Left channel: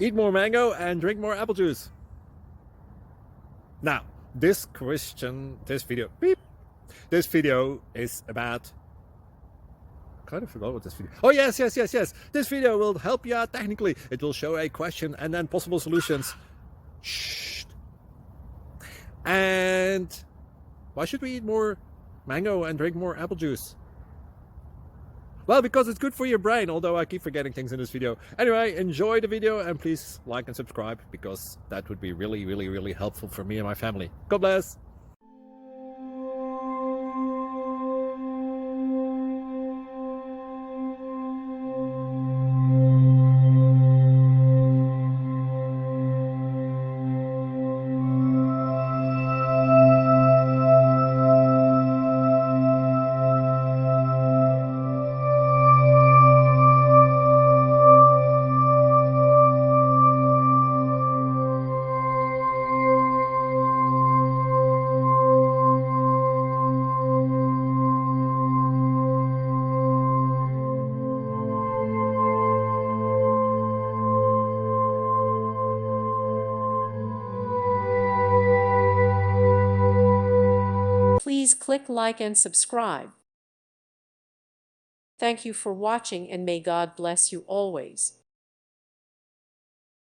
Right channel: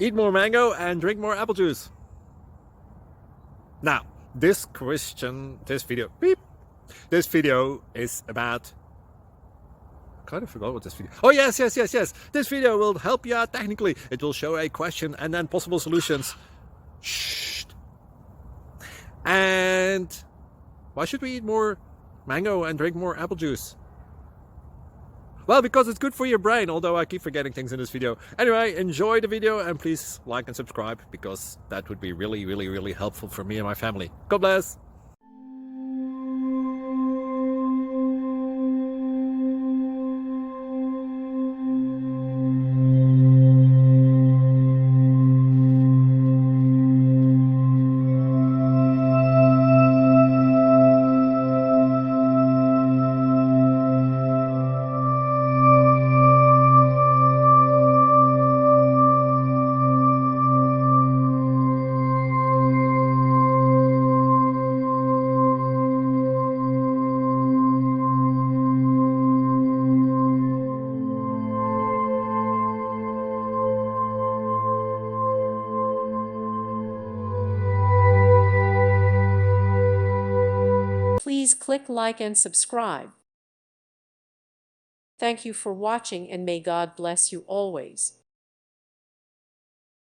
Eat more mango and drink more apple juice. Now, this video is about, I kind of forgot what this video. Oh, yes. This video will help you out technically. It will show a question and then possible solutions. Shh. And why should we eat more mango and drink more apple juice? Well, because it's good for your brain, although I keep forgetting things in this video. Anyway, enjoy the video and please like and subscribe, because that would be really helpful for me and my family. God bless! Please click like and subscribe. Thank you for watching, and may God bless you always.